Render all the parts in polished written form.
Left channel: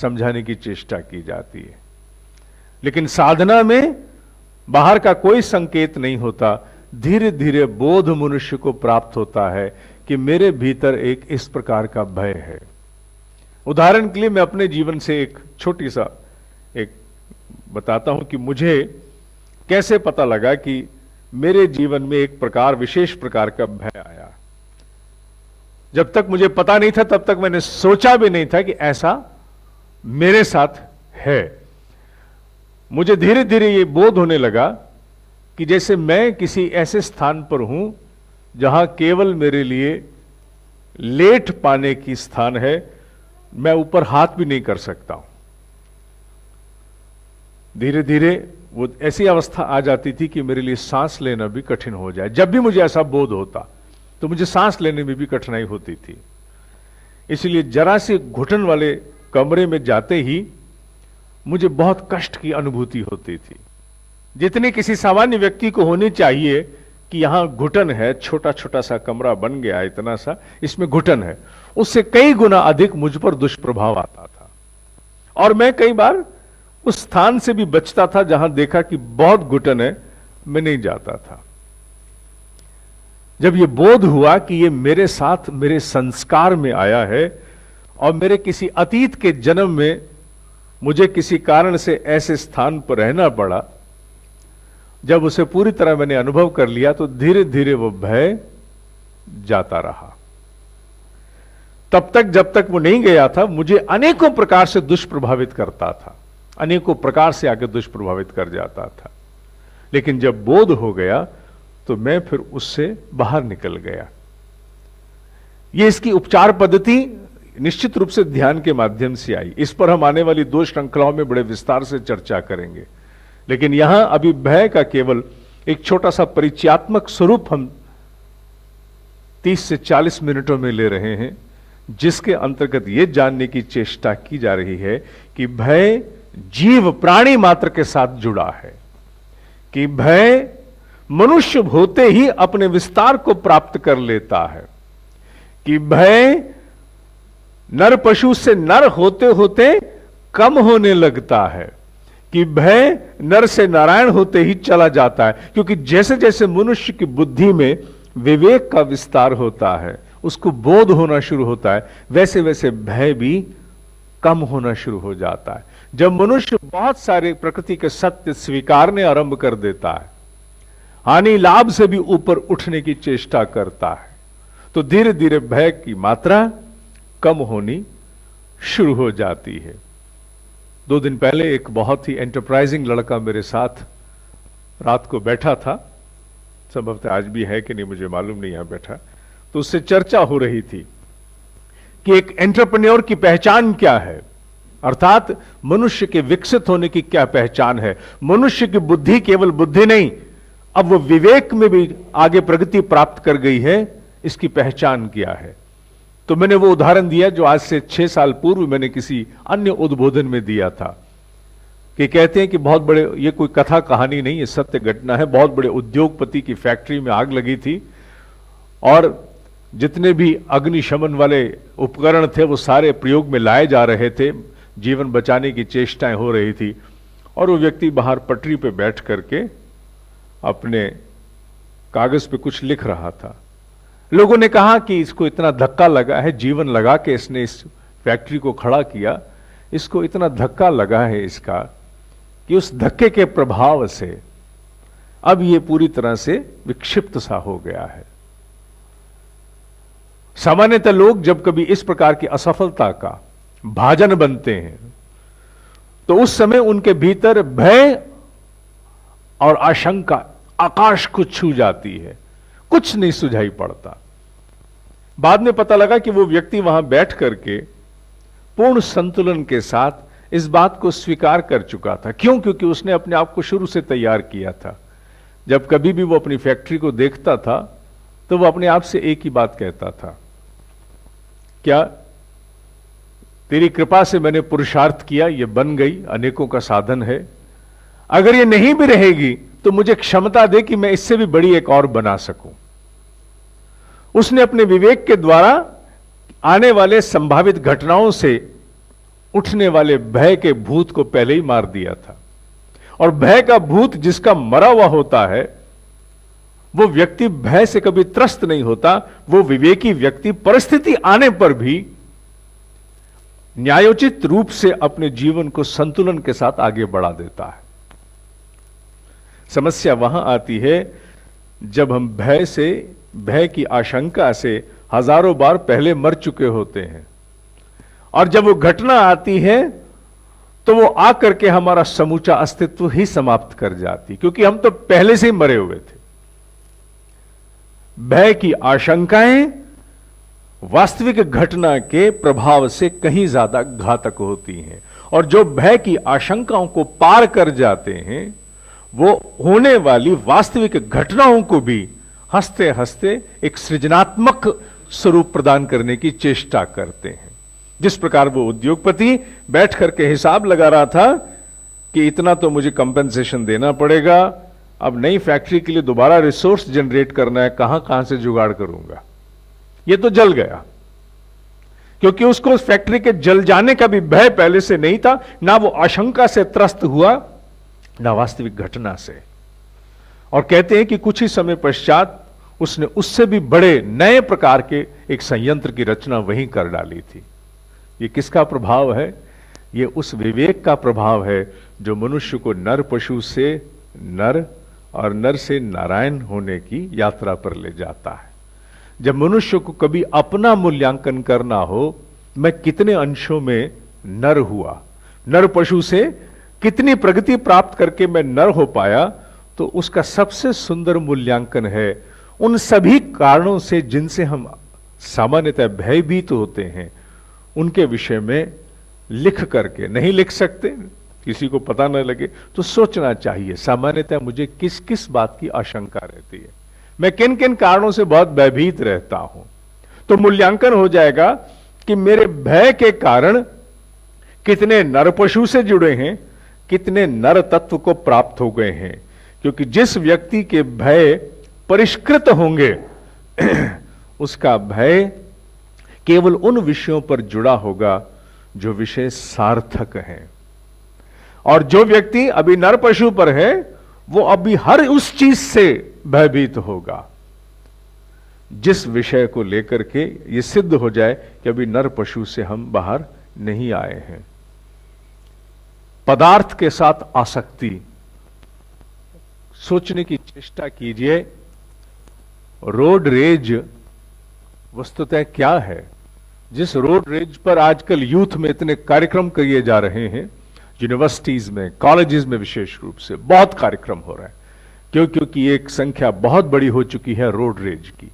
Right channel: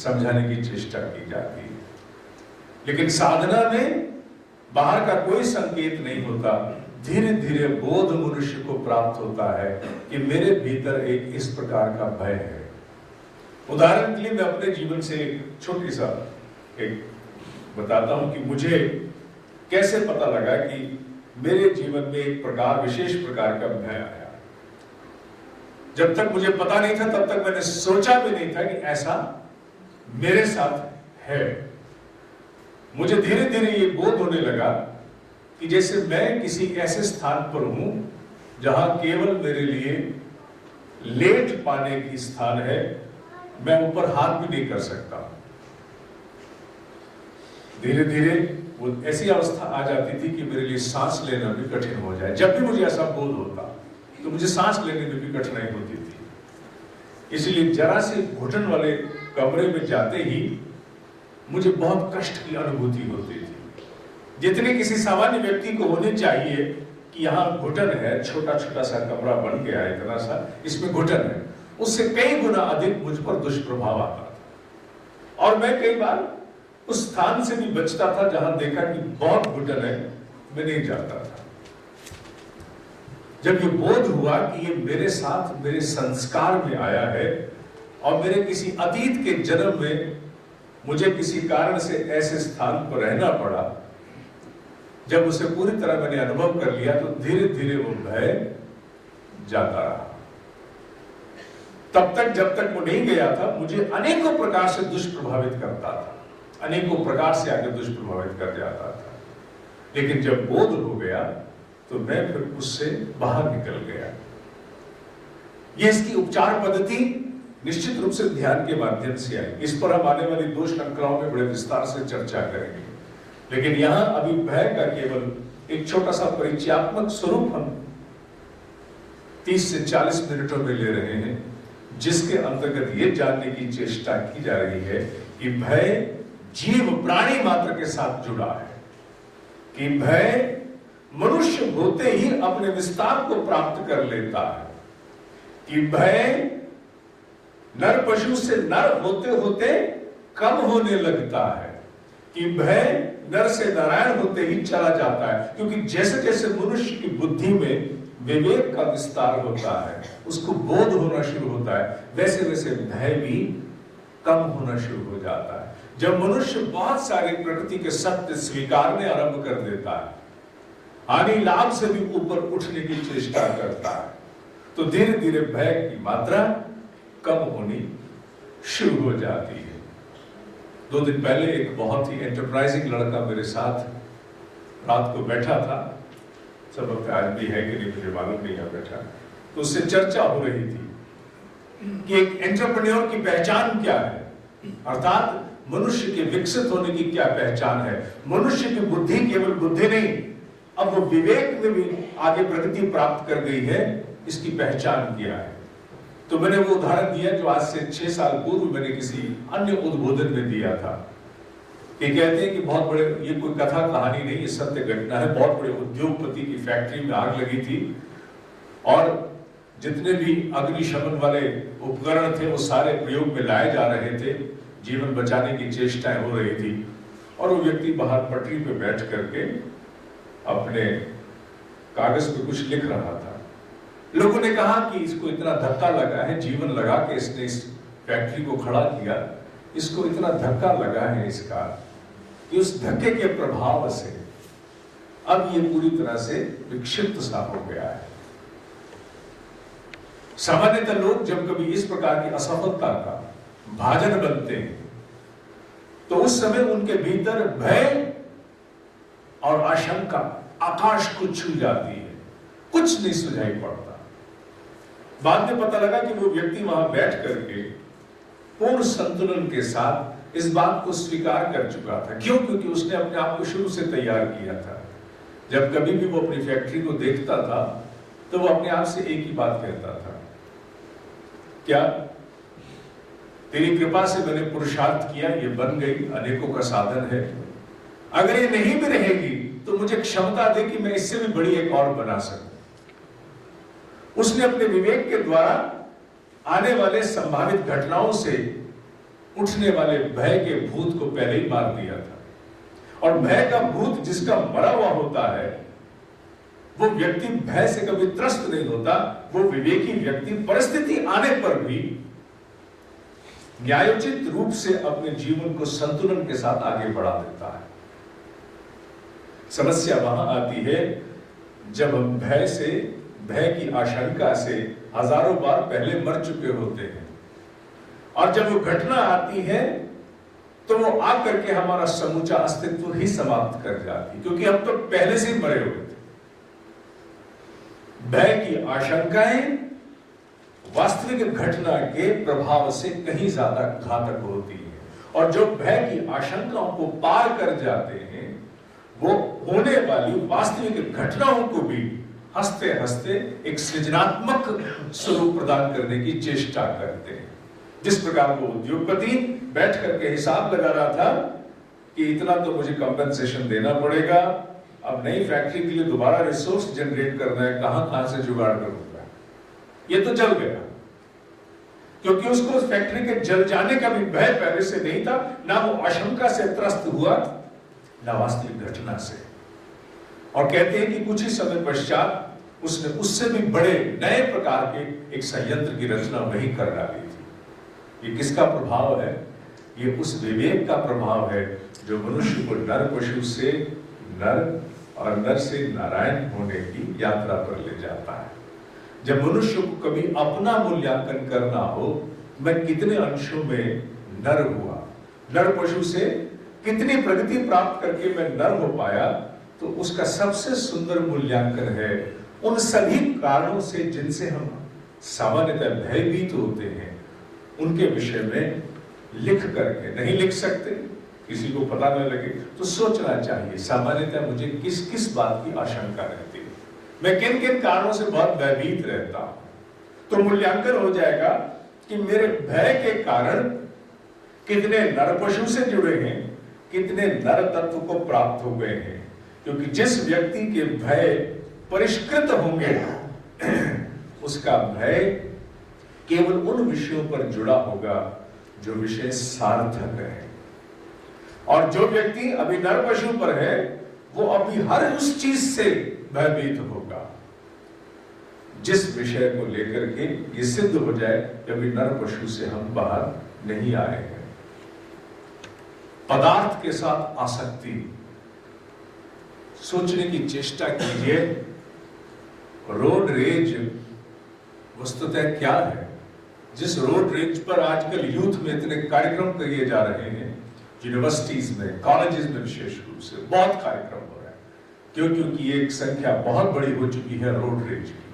समझाने की चेष्टा की जाती है। लेकिन साधना में बाहर का कोई संकेत नहीं होता, धीरे धीरे बोध मनुष्य को प्राप्त होता है कि मेरे भीतर एक इस प्रकार का भय है। उदाहरण के लिए मैं अपने जीवन से एक छोटी सा एक बताता हूं कि मुझे कैसे पता लगा कि मेरे जीवन में एक विशेष प्रकार का भय आया। जब तक मुझे पता नहीं था तब तक मैंने सोचा भी नहीं था कि ऐसा मेरे साथ है। मुझे धीरे धीरे ये बोध होने लगा कि जैसे मैं किसी ऐसे स्थान पर हूं जहां केवल मेरे लिए लेट पाने की स्थान है, मैं ऊपर हाथ भी नहीं कर सकता। धीरे धीरे वो ऐसी अवस्था आ जाती थी कि मेरे लिए सांस लेना भी कठिन हो जाए। जब भी मुझे ऐसा बोध होता तो मुझे सांस लेने में भी कठिनाई होती थी। इसलिए जरा से घुटन वाले कमरे में जाते ही मुझे बहुत कष्ट की अनुभूति होती थी, जितनी किसी सामान्य व्यक्ति को होनी चाहिए कि यहां घुटन है, छोटा छोटा सा कमरा बन गया है, इतना सा इसमें घुटन है, उससे कई गुना अधिक मुझ पर दुष्प्रभाव आता था। और मैं कई बार उस स्थान से भी बचता था जहां देखा कि बहुत घुटन है, मैं नहीं जाता था। जब यह बोध हुआ कि यह मेरे साथ मेरे संस्कार में आया है और मेरे किसी अतीत के जन्म में मुझे किसी कारण से ऐसे स्थान पर रहना पड़ा, जब उसे पूरी तरह मैंने अनुभव कर लिया तो धीरे धीरे वो भय जाता रहा। तब तक जब तक वो नहीं गया था, मुझे अनेकों प्रकार से दुष्प्रभावित करता था, अनेकों प्रकार से आगे दुष्प्रभावित कर जाता था। लेकिन जब बोध हो गया तो मैं फिर उससे बाहर निकल गया। ये इसकी उपचार पद्धति निश्चित रूप से ध्यान के माध्यम से आई। इस पर हम आने वाली 2 श्रृंखलाओं में बड़े विस्तार से चर्चा करेंगे। लेकिन यहां अभी भय का केवल एक छोटा सा परिचयात्मक स्वरूप हम 30 से 40 मिनटों में ले रहे हैं, जिसके अंतर्गत यह जानने की चेष्टा की जा रही है कि भय जीव प्राणी मात्र के साथ जुड़ा है, कि भय मनुष्य होते ही अपने विस्तार को प्राप्त कर लेता है, कि भय नर पशु से नर होते होते कम होने लगता है, कि भय नर से नारायण होते ही चला जाता है। क्योंकि जैसे जैसे मनुष्य की बुद्धि में विवेक का विस्तार होता है, उसको बोध होना शुरू होता है, वैसे वैसे भय भी कम होना शुरू हो जाता है। जब मनुष्य बहुत सारी प्रकृति के सत्य स्वीकारने आरंभ कर देता है, हानि लाभ से भी ऊपर उठने की चेष्टा करता है, तो धीरे धीरे भय की मात्रा कम होनी शुरू हो जाती है। 2 दिन पहले एक बहुत ही एंटरप्राइजिंग लड़का मेरे साथ रात को बैठा था, संभवतः आज भी है कि नहीं मुझे मालूम नहीं, यहां बैठा, तो उससे चर्चा हो रही थी कि एक एंटरप्रेन्योर की पहचान क्या है, अर्थात मनुष्य के विकसित होने की क्या पहचान है। मनुष्य की बुद्धि केवल बुद्धि नहीं, अब वो विवेक में भी आगे प्रगति प्राप्त कर गई है, इसकी पहचान क्या है। तो मैंने वो उदाहरण दिया जो आज से 6 साल पूर्व मैंने किसी अन्य उद्बोधन में दिया था, कि कहते हैं कि बहुत बड़े, ये कोई कथा कहानी नहीं, ये सत्य घटना है, बहुत बड़े उद्योगपति की फैक्ट्री में आग लगी थी और जितने भी अग्निशमन वाले उपकरण थे वो सारे प्रयोग में लाए जा रहे थे, जीवन बचाने की चेष्टाएं हो रही थी, और वो व्यक्ति बाहर पटरी पे बैठ करके अपने कागज पे कुछ लिख रहा था। लोगों ने कहा कि इसको इतना धक्का लगा है, जीवन लगा के इसने इस फैक्ट्री को खड़ा किया, इसको इतना धक्का लगा है इसका कि उस धक्के के प्रभाव से अब ये पूरी तरह से विक्षिप्त सा हो गया है। सामान्यतः लोग जब कभी इस प्रकार की असफलता का भाजन बनते हैं तो उस समय उनके भीतर भय और आशंका आकाश को छू जाती है, कुछ नहीं सुझाई पड़ता। बाद में पता लगा कि वो व्यक्ति वहां बैठ करके पूर्ण संतुलन के साथ इस बात को स्वीकार कर चुका था। क्यों? क्योंकि उसने अपने आप को शुरू से तैयार किया था। जब कभी भी वो अपनी फैक्ट्री को देखता था तो वो अपने आप से एक ही बात कहता था, क्या तेरी कृपा से मैंने पुरुषार्थ किया, ये बन गई, अनेकों का साधन है, अगर ये नहीं भी रहेगी तो मुझे क्षमता दे कि मैं इससे भी बड़ी एक और बना सकूं। उसने अपने विवेक के द्वारा आने वाले संभावित घटनाओं से उठने वाले भय के भूत को पहले ही मार दिया था। और भय का भूत जिसका मरा हुआ होता है, वो व्यक्ति भय से कभी त्रस्त नहीं होता। वो विवेकी व्यक्ति परिस्थिति आने पर भी न्यायोचित रूप से अपने जीवन को संतुलन के साथ आगे बढ़ा देता है। समस्या वहां आती है जब हम भय की आशंका से हजारों बार पहले मर चुके होते हैं, और जब वो घटना आती है तो वो आकर के हमारा समूचा अस्तित्व ही समाप्त कर जाती, क्योंकि हम तो पहले से ही मरे हुए थे। भय की आशंकाएं वास्तविक घटना के प्रभाव से कहीं ज्यादा घातक होती हैं, और जो भय की आशंकाओं को पार कर जाते हैं वो होने वाली वास्तविक घटनाओं को भी हंसते हंसते एक सृजनात्मक स्वरूप प्रदान करने की चेष्टा करते हैं। जिस प्रकार वो उद्योगपति बैठ करके हिसाब लगा रहा था कि इतना तो मुझे कंपेंसेशन देना पड़ेगा, अब नई फैक्ट्री के लिए दोबारा रिसोर्स जनरेट करना है, कहां से जुगाड़ करूंगा। ये तो जल गया, क्योंकि उसको उस फैक्ट्री के जल जाने का भी भय पहले से नहीं था, ना वो आशंका से त्रस्त हुआ, ना वास्तविक घटना से। और कहते हैं कि कुछ ही समय पश्चात उसने उससे भी बड़े नए प्रकार के एक संयंत्र की रचना वहीं कर डाली थी। ये किसका प्रभाव है? ये उस विवेक का प्रभाव है जो मनुष्य को नर पशु से नर और नर से नारायण होने की यात्रा पर ले जाता है। जब मनुष्य को कभी अपना मूल्यांकन करना हो, मैं कितने अंशों में नर हुआ, नर पशु से कितनी प्रगति प्राप्त करके मैं नर हो पाया, तो उसका सबसे सुंदर मूल्यांकन है उन सभी कारणों से जिनसे हम सामान्यतः भयभीत होते हैं, उनके विषय में लिख करके। नहीं लिख सकते, किसी को पता न लगे, तो सोचना चाहिए सामान्यतः मुझे किस किस बात की आशंका रहती है, मैं किन किन कारणों से बहुत भयभीत रहता हूं। तो मूल्यांकन हो जाएगा कि मेरे भय के कारण कितने नर पशु से जुड़े हैं, कितने नर तत्व को प्राप्त हो गए हैं। क्योंकि जिस व्यक्ति के भय परिष्कृत होंगे उसका भय केवल उन विषयों पर जुड़ा होगा जो विषय सार्थक है, और जो व्यक्ति अभी नर पशु पर है वो अभी हर उस चीज से भयभीत होगा जिस विषय को लेकर के ये सिद्ध हो जाए कि अभी नर पशु से हम बाहर नहीं आए हैं। पदार्थ के साथ आसक्ति, सोचने की चेष्टा कीजिए, रोड रेज वस्तुतः क्या है? जिस रोड रेज पर आजकल यूथ में इतने कार्यक्रम किए जा रहे हैं, यूनिवर्सिटीज में, कॉलेजेस में विशेष रूप से बहुत कार्यक्रम हो रहा है। क्योंकि एक संख्या बहुत बड़ी हो चुकी है रोड रेज की।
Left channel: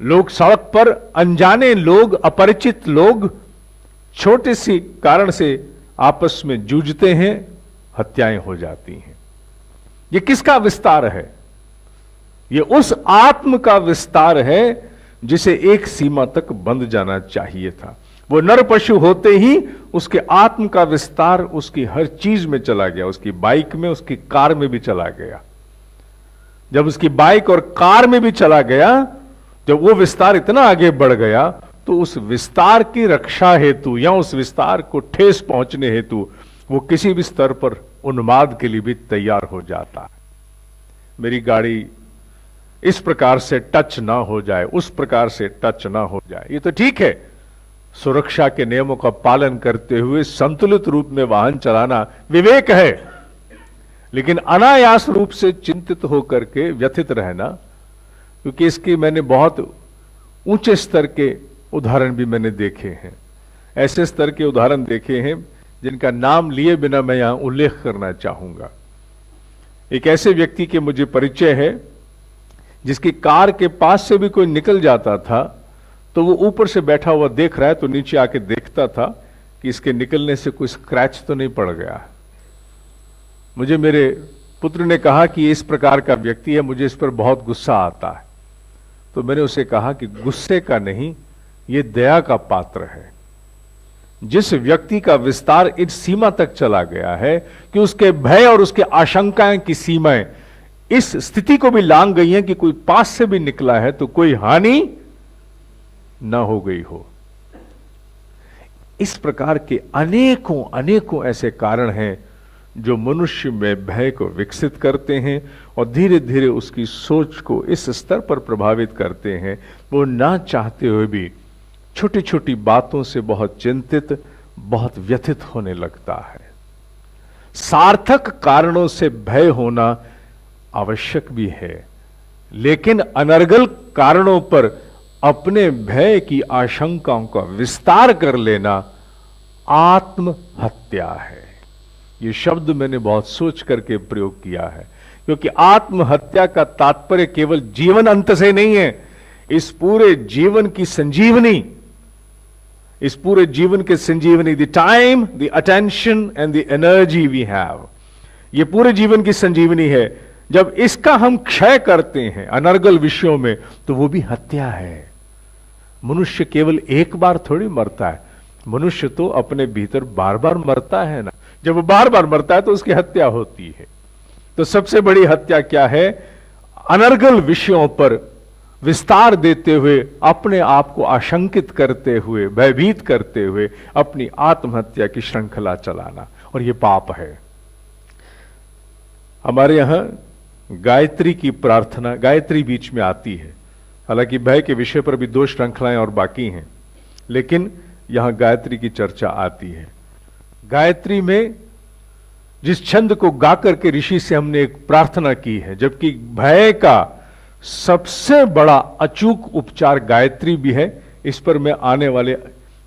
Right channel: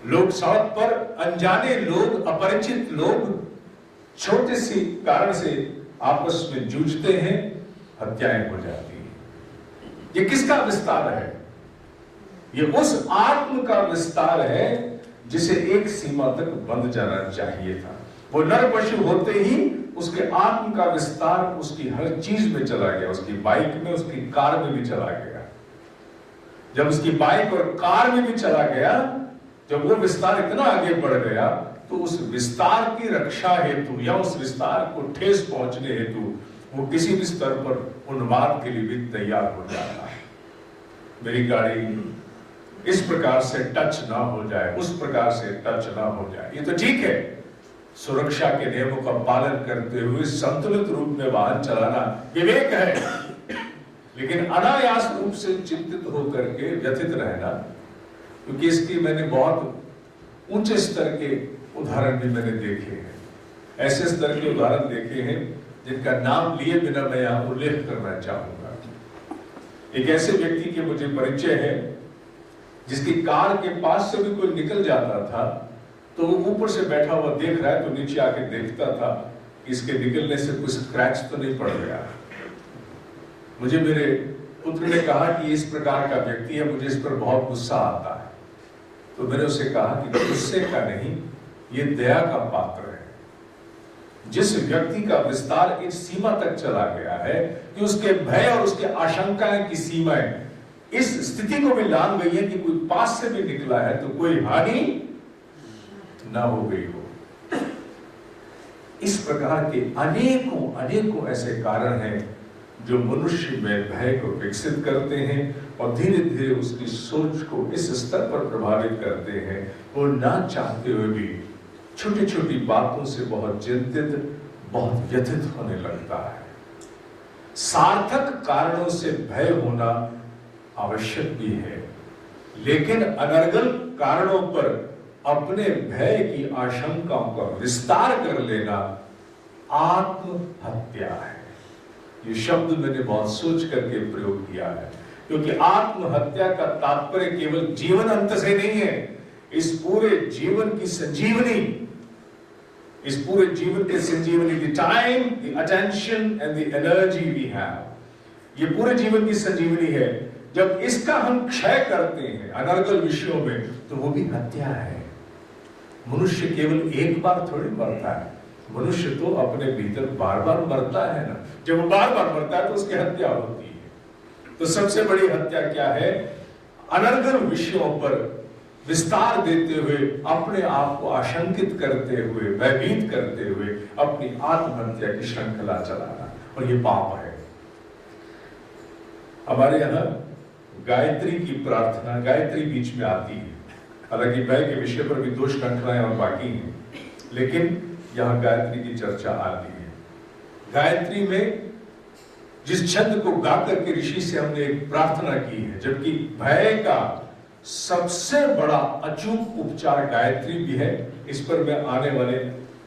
लोग सड़क पर, अनजाने लोग, अपरिचित लोग छोटे सी कारण से आपस में जूझते हैं, हत्याएं हो जाती हैं। ये किसका विस्तार है? ये उस आत्म का विस्तार है जिसे एक सीमा तक बंध जाना चाहिए था। वो नर पशु होते ही उसके आत्म का विस्तार उसकी हर चीज में चला गया, उसकी बाइक में, उसकी कार में भी चला गया। जब उसकी बाइक और कार में भी चला गया, जब वो विस्तार इतना आगे बढ़ गया, तो उस विस्तार की रक्षा हेतु या उस विस्तार को ठेस पहुंचने हेतु वो किसी भी स्तर पर उन्माद के लिए भी तैयार हो जाता है। मेरी गाड़ी इस प्रकार से टच ना हो जाए, उस प्रकार से टच ना हो जाए। ये तो ठीक है, सुरक्षा के नियमों का पालन करते हुए संतुलित रूप में वाहन चलाना विवेक है, लेकिन अनायास रूप से चिंतित होकर के व्यथित रहना, क्योंकि इसकी मैंने बहुत ऊंचे स्तर के उदाहरण भी मैंने देखे हैं। ऐसे स्तर के उदाहरण देखे हैं जिनका नाम लिए बिना मैं यहां उल्लेख करना चाहूंगा। एक ऐसे व्यक्ति के मुझे परिचय है जिसकी कार के पास से भी कोई निकल जाता था तो वो ऊपर से बैठा हुआ देख रहा है तो नीचे आके देखता था कि इसके निकलने से कोई स्क्रैच तो नहीं पड़ गया। मुझे मेरे पुत्र ने कहा कि इस प्रकार का व्यक्ति है, मुझे इस पर बहुत गुस्सा आता है। तो मैंने उसे कहा कि गुस्से का नहीं, ये दया का पात्र है। जिस व्यक्ति का विस्तार इस सीमा तक चला गया है कि उसके भय और उसके आशंकाएं की सीमाएं इस स्थिति को भी लांघ गई हैं कि कोई पास से भी निकला है तो कोई हानि ना हो गई हो। इस प्रकार के अनेकों अनेकों ऐसे कारण हैं जो मनुष्य में भय को विकसित करते हैं और धीरे धीरे उसकी सोच को इस स्तर पर प्रभावित करते हैं, वो ना चाहते हुए भी छोटी छोटी बातों से बहुत चिंतित, बहुत व्यथित होने लगता है। सार्थक कारणों से भय होना आवश्यक भी है, लेकिन अनर्गल कारणों पर अपने भय की आशंकाओं का विस्तार कर लेना आत्महत्या है। यह शब्द मैंने बहुत सोच करके प्रयोग किया है, क्योंकि आत्महत्या का तात्पर्य केवल जीवन अंत से नहीं है। इस पूरे जीवन की संजीवनी, इस पूरे जीवन के संजीवनी, the time, the attention and the energy we have, ये पूरे जीवन की संजीवनी है। जब इसका हम क्षय करते हैं अनर्गल विषयों में, तो वो भी हत्या है। मनुष्य केवल एक बार थोड़ी मरता है, मनुष्य तो अपने भीतर बार बार मरता है ना। जब वो बार बार मरता है तो उसकी हत्या होती है। तो सबसे बड़ी हत्या क्या है? अनर्गल विषयों पर विस्तार देते हुए, अपने आप को आशंकित करते हुए, भयभीत करते हुए अपनी आत्महत्या की श्रृंखला चलाना, और यह पाप है। हमारे यहां गायत्री की प्रार्थना, गायत्री बीच में आती है। हालांकि भय के विषय पर भी 2 श्रृंखलाएं और बाकी हैं, लेकिन यहां गायत्री की चर्चा आती है। गायत्री में जिस छंद को गाकर के ऋषि से हमने एक प्रार्थना की है, जबकि भय का सबसे बड़ा अचूक उपचार गायत्री भी है, इस पर मैं आने वाले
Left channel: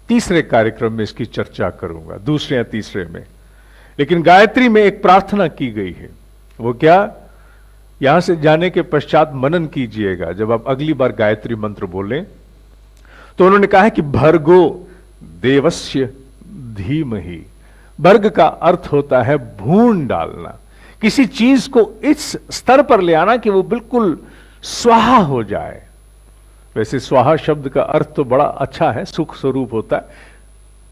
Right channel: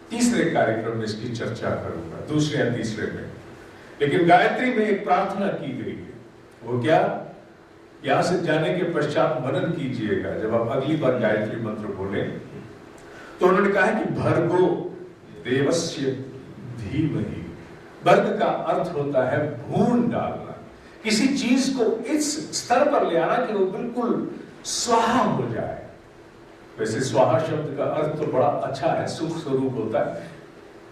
तीसरे कार्यक्रम में इसकी चर्चा करूंगा, दूसरे या तीसरे में। लेकिन गायत्री में एक प्रार्थना की गई है, वो क्या? यहां से जाने के पश्चात मनन कीजिएगा। जब आप अगली बार गायत्री मंत्र बोलें तो उन्होंने कहा है कि भर्गो देवस्य धीमहि। भर्ग का अर्थ होता है भून डालना, किसी चीज को इस स्तर पर ले आना कि वो बिल्कुल स्वाहा हो जाए। वैसे स्वाहा शब्द का अर्थ तो बड़ा अच्छा है, सुख स्वरूप होता है।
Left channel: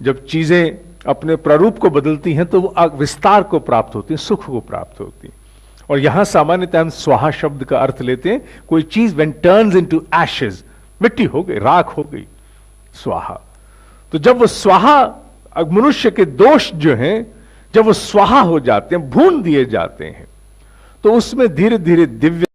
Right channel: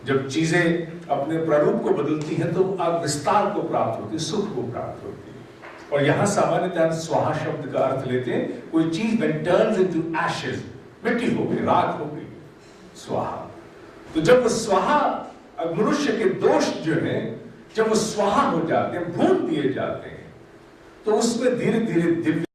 जब चीजें अपने प्रारूप को बदलती हैं तो विस्तार को प्राप्त होती है, सुख को प्राप्त होती है। और यहां सामान्यतः हम स्वाहा शब्द का अर्थ लेते हैं, कोई चीज व्हेन टर्न्स इनटू एशेज, मिट्टी हो गई, राख हो गई, स्वाहा। तो जब वो स्वाहा, मनुष्य के दोष जो हैं, जब वो स्वाहा हो जाते हैं, भून दिए जाते हैं, तो उसमें धीरे धीरे दिव्य